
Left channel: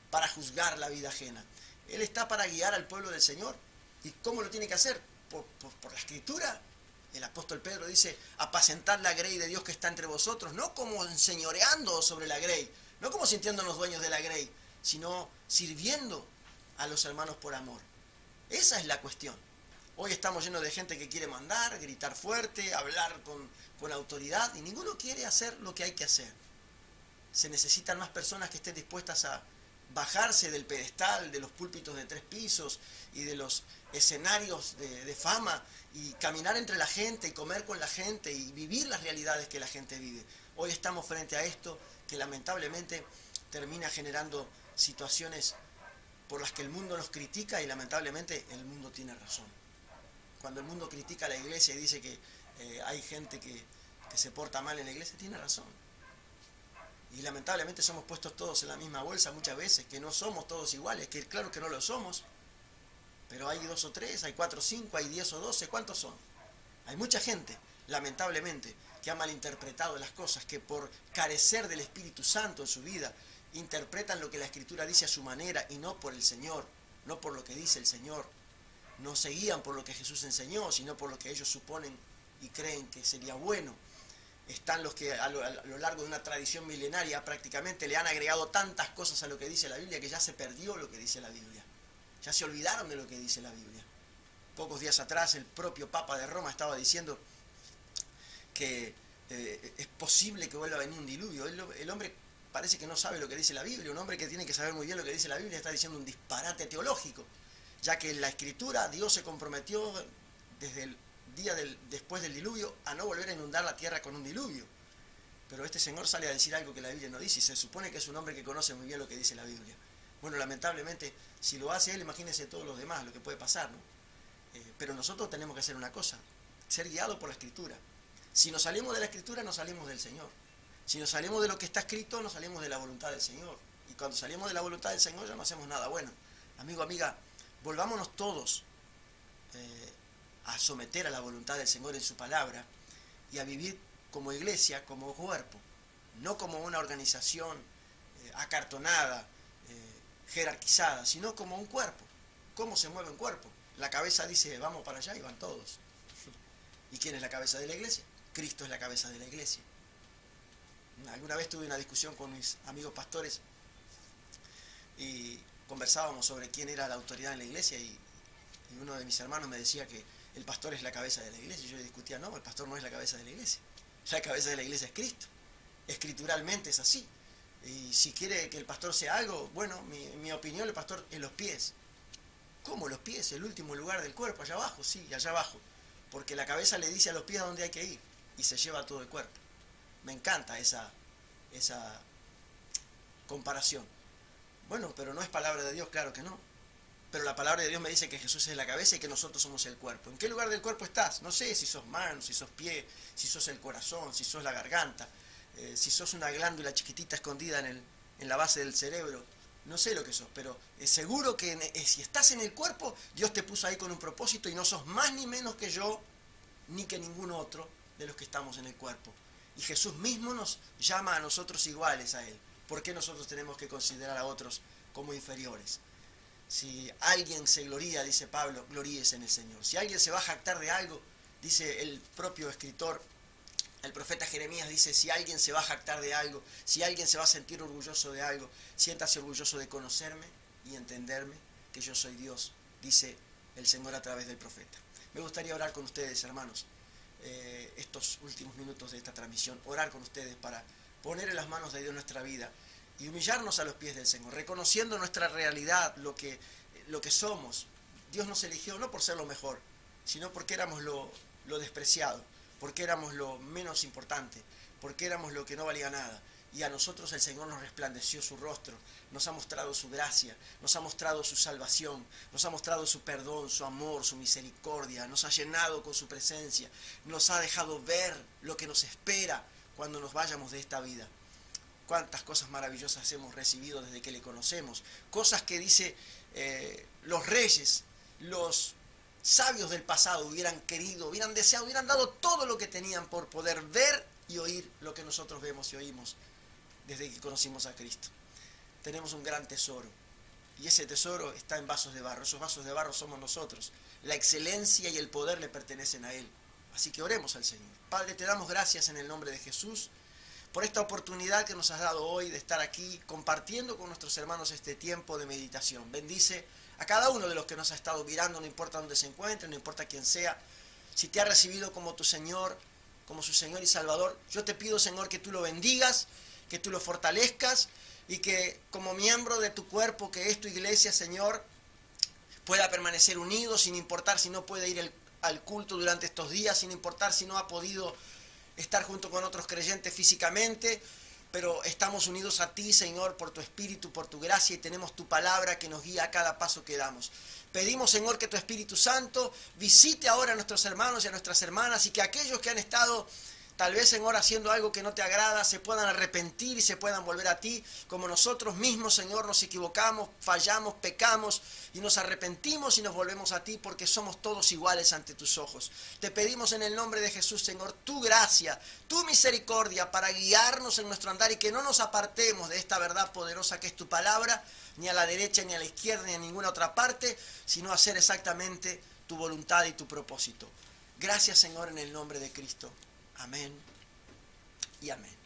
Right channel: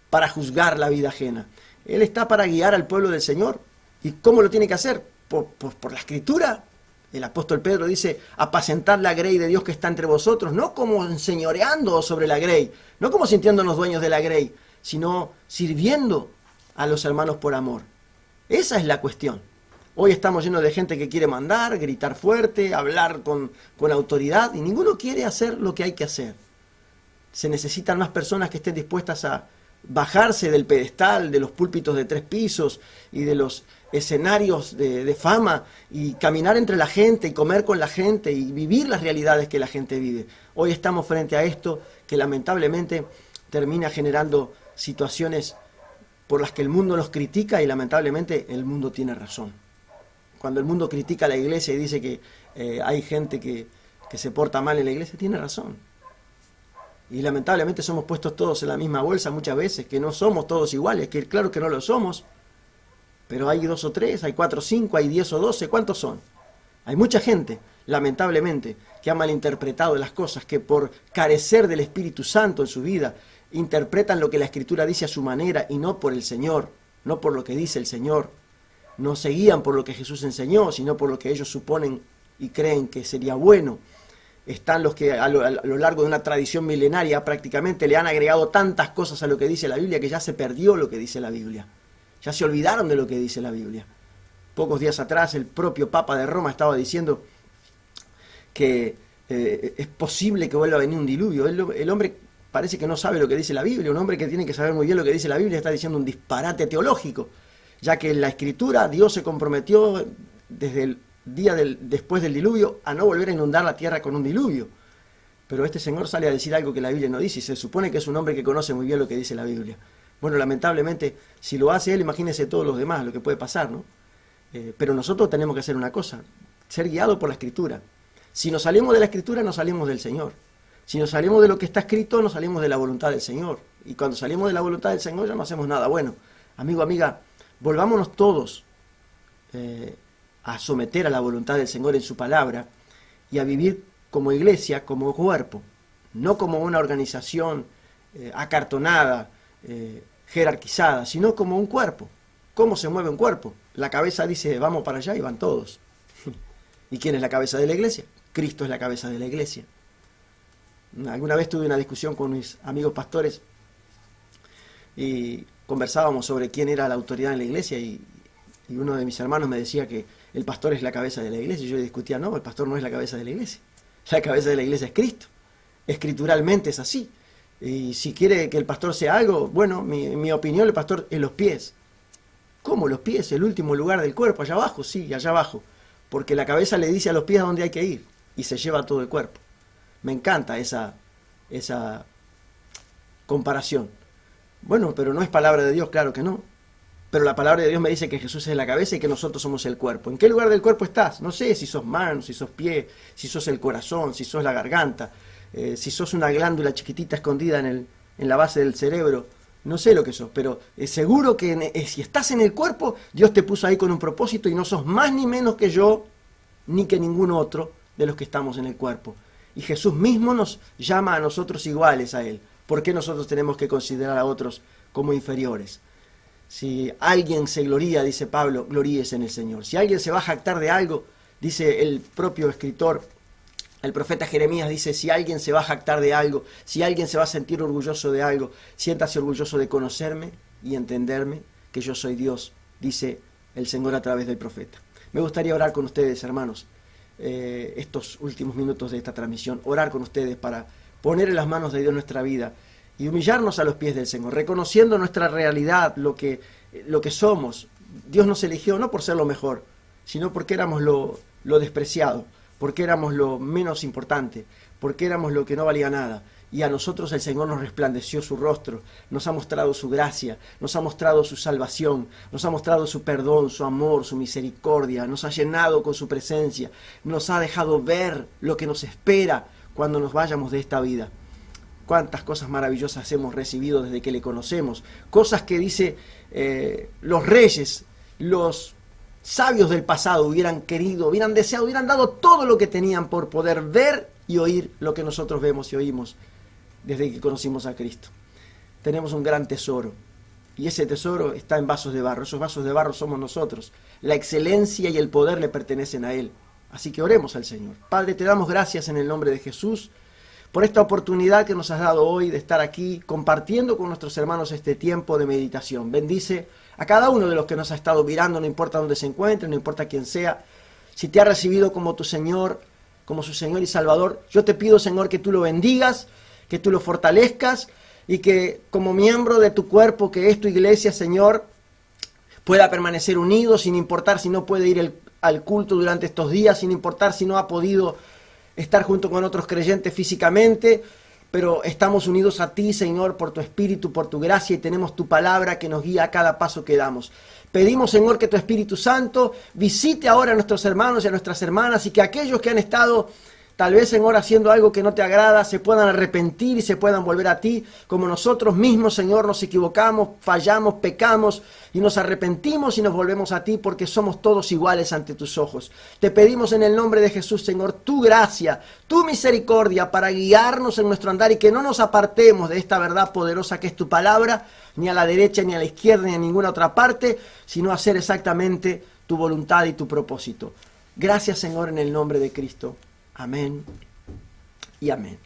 para juzgar la vida ajena. Él está para guiar al pueblo del Señor. ¿Y cómo lo tiene que hacer? Por la Escritura. El apóstol Pedro dice, apacentad la grey de Dios que está entre vosotros, no como enseñoreando sobre la grey, no como sintiéndonos dueños de la grey, sino sirviendo a los hermanos por amor. Esa es la cuestión. Hoy estamos llenos de gente que quiere mandar, gritar fuerte, hablar con autoridad, y ninguno quiere hacer lo que hay que hacer. Se necesitan más personas que estén dispuestas a bajarse del pedestal, de los púlpitos de 3 pisos y de los escenarios de fama y caminar entre la gente y comer con la gente y vivir las realidades que la gente vive. Hoy estamos frente a esto que lamentablemente termina generando situaciones por las que el mundo nos critica y lamentablemente el mundo tiene razón. Cuando el mundo critica a la iglesia y dice que hay gente que se porta mal en la iglesia, tiene razón. Y lamentablemente somos puestos todos en la misma bolsa muchas veces, que no somos todos iguales, que claro que no lo somos, pero hay 2 o 3, hay 4 o 5, hay 10 o 12, ¿cuántos son? Hay mucha gente, lamentablemente, que ha malinterpretado las cosas, que por carecer del Espíritu Santo en su vida, interpretan lo que la Escritura dice a su manera y no por el Señor, no por lo que dice el Señor. No se guían por lo que Jesús enseñó, sino por lo que ellos suponen y creen que sería bueno. Están los que a lo largo de una tradición milenaria prácticamente le han agregado tantas cosas a lo que dice la Biblia que ya se perdió lo que dice la Biblia. Ya se olvidaron de lo que dice la Biblia. Pocos días atrás el propio Papa de Roma estaba diciendo que es posible que vuelva a venir un diluvio. El hombre parece que no sabe lo que dice la Biblia. Un hombre que tiene que saber muy bien lo que dice la Biblia está diciendo un disparate teológico, ya que en la Escritura Dios se comprometió desde el día después del diluvio a no volver a inundar la tierra con un diluvio. Pero este señor sale a decir algo que la Biblia no dice y se supone que es un hombre que conoce muy bien lo que dice la Biblia. Bueno, lamentablemente, si lo hace él, imagínese todos los demás, lo que puede pasar, ¿no? Pero nosotros tenemos que hacer una cosa. ser guiado por la Escritura. Si nos salimos de la Escritura, nos salimos del Señor. Si nos salimos de lo que está escrito, nos salimos de la voluntad del Señor. Y cuando salimos de la voluntad del Señor, ya no hacemos nada bueno. Amigo, amiga, volvámonos todos a someter a la voluntad del Señor en su palabra y a vivir como iglesia, como cuerpo, no como una organización acartonada, jerarquizada, sino como un cuerpo. ¿Cómo se mueve un cuerpo? La cabeza dice, vamos para allá y van todos. ¿Y quién es la cabeza de la iglesia? Cristo es la cabeza de la iglesia. Alguna vez tuve una discusión con mis amigos pastores y conversábamos sobre quién era la autoridad en la iglesia y uno de mis hermanos me decía que el pastor es la cabeza de la iglesia y yo le discutía, no, el pastor no es la cabeza de la iglesia. La cabeza de la iglesia es Cristo. Escrituralmente es así. Y si quiere que el pastor sea algo, bueno, mi opinión, el pastor es los pies. ¿Cómo los pies? El último lugar del cuerpo, allá abajo, sí, allá abajo. Porque la cabeza le dice a los pies a dónde hay que ir y se lleva todo el cuerpo. Me encanta esa comparación. Bueno, pero no es palabra de Dios, claro que no. Pero la palabra de Dios me dice que Jesús es la cabeza y que nosotros somos el cuerpo. ¿En qué lugar del cuerpo estás? No sé si sos manos, si sos pie, si sos el corazón, si sos la garganta, si sos una glándula chiquitita escondida en la base del cerebro. No sé lo que sos, pero seguro que si estás en el cuerpo, Dios te puso ahí con un propósito y no sos más ni menos que yo, ni que ningún otro de los que estamos en el cuerpo. Y Jesús mismo nos llama a nosotros iguales a Él. ¿Por qué nosotros tenemos que considerar a otros como inferiores? Si alguien se gloría, dice Pablo, gloríese en el Señor. Si alguien se va a jactar de algo, dice el propio escritor, el profeta Jeremías dice, si alguien se va a jactar de algo, si alguien se va a sentir orgulloso de algo, siéntase orgulloso de conocerme y entenderme que yo soy Dios, dice el Señor a través del profeta. Me gustaría orar con ustedes, hermanos, estos últimos minutos de esta transmisión, orar con ustedes para poner en las manos de Dios nuestra vida y humillarnos a los pies del Señor, reconociendo nuestra realidad, lo que somos. Dios nos eligió no por ser lo mejor, sino porque éramos lo despreciado, porque éramos lo menos importante, porque éramos lo que no valía nada. Y a nosotros el Señor nos resplandeció su rostro, nos ha mostrado su gracia, nos ha mostrado su salvación, nos ha mostrado su perdón, su amor, su misericordia, nos ha llenado con su presencia, nos ha dejado ver lo que nos espera cuando nos vayamos de esta vida. Cuántas cosas maravillosas hemos recibido desde que le conocemos, cosas que dice los reyes, los sabios del pasado hubieran querido, hubieran deseado, hubieran dado todo lo que tenían por poder ver y oír lo que nosotros vemos y oímos desde que conocimos a Cristo. Tenemos un gran tesoro y ese tesoro está en vasos de barro. Esos vasos de barro somos nosotros. La excelencia y el poder le pertenecen a Él. Así que oremos al Señor. Padre, te damos gracias en el nombre de Jesús por esta oportunidad que nos has dado hoy de estar aquí compartiendo con nuestros hermanos este tiempo de meditación. Bendice a cada uno de los que nos ha estado mirando, no importa dónde se encuentre, no importa quién sea. Si te ha recibido como tu Señor, como su Señor y Salvador, yo te pido, Señor, que tú lo bendigas, que tú lo fortalezcas y que como miembro de tu cuerpo, que es tu iglesia, Señor, pueda permanecer unido sin importar si no puede ir al culto durante estos días, sin importar si no ha podido estar junto con otros creyentes físicamente, pero estamos unidos a ti, Señor, por tu Espíritu, por tu gracia, y tenemos tu palabra que nos guía a cada paso que damos. Pedimos, Señor, que tu Espíritu Santo visite ahora a nuestros hermanos y a nuestras hermanas, y que aquellos que han estado tal vez, Señor, haciendo algo que no te agrada, se puedan arrepentir y se puedan volver a ti, como nosotros mismos, Señor, nos equivocamos, fallamos, pecamos y nos arrepentimos y nos volvemos a ti porque somos todos iguales ante tus ojos. Te pedimos en el nombre de Jesús, Señor, tu gracia, tu misericordia para guiarnos en nuestro andar y que no nos apartemos de esta verdad poderosa que es tu palabra, ni a la derecha, ni a la izquierda, ni a ninguna otra parte, sino hacer exactamente tu voluntad y tu propósito. Gracias, Señor, en el nombre de Cristo. Amén y amén.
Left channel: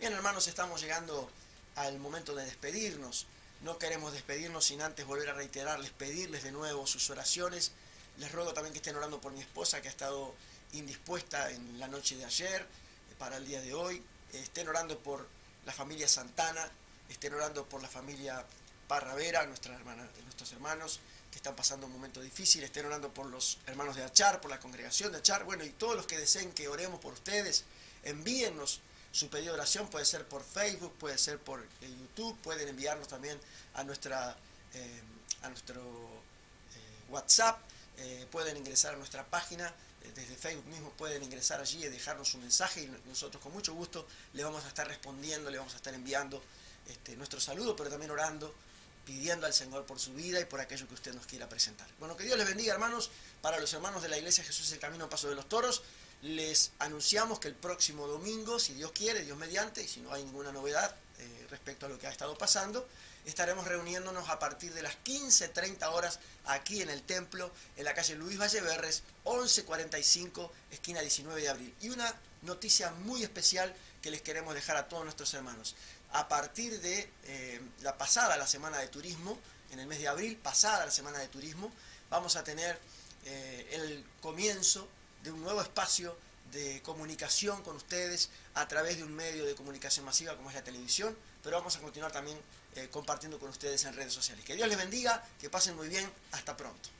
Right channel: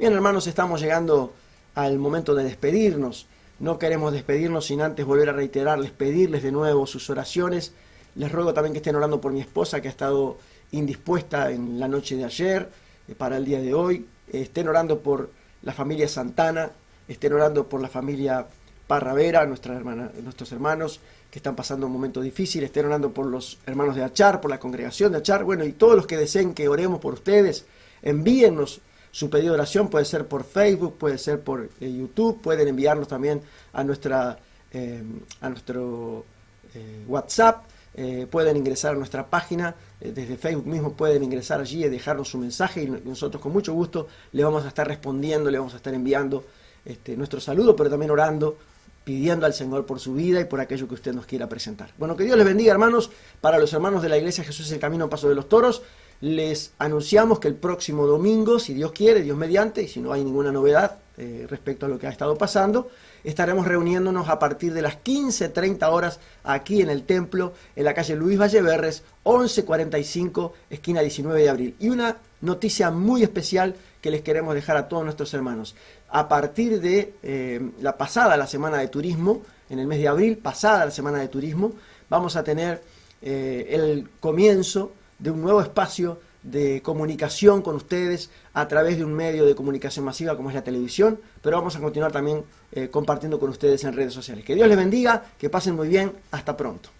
Bien, hermanos, estamos llegando al momento de despedirnos. No queremos despedirnos sin antes volver a reiterarles, pedirles de nuevo sus oraciones. Les ruego también que estén orando por mi esposa, que ha estado indispuesta en la noche de ayer, para el día de hoy. Estén orando por la familia Santana, estén orando por la familia Parravera, nuestros hermanos que están pasando un momento difícil, estén orando por los hermanos de Achar, por la congregación de Achar, bueno, y todos los que deseen que oremos por ustedes, envíennos su pedido de oración, puede ser por Facebook, puede ser por YouTube, pueden enviarnos también a nuestro WhatsApp, pueden ingresar a nuestra página desde Facebook mismo pueden ingresar allí y dejarnos su mensaje y nosotros con mucho gusto le vamos a estar respondiendo, le vamos a estar enviando nuestro saludo, pero también orando, pidiendo al Señor por su vida y por aquello que usted nos quiera presentar. Bueno, que Dios les bendiga, hermanos. Para los hermanos de la Iglesia Jesús es el Camino, Paso de los Toros, les anunciamos que el próximo domingo, si Dios quiere, Dios mediante, y si no hay ninguna novedad respecto a lo que ha estado pasando, estaremos reuniéndonos a partir de las 15:30 horas aquí en el templo, en la calle Luis Valleverres, 1145, esquina 19 de abril. Y una noticia muy especial que les queremos dejar a todos nuestros hermanos. A partir de la semana de turismo, en el mes de abril, pasada la semana de turismo, vamos a tener el comienzo de un nuevo espacio de comunicación con ustedes a través de un medio de comunicación masiva como es la televisión, pero vamos a continuar también compartiendo con ustedes en redes sociales. Que Dios les bendiga, que pasen muy bien, hasta pronto.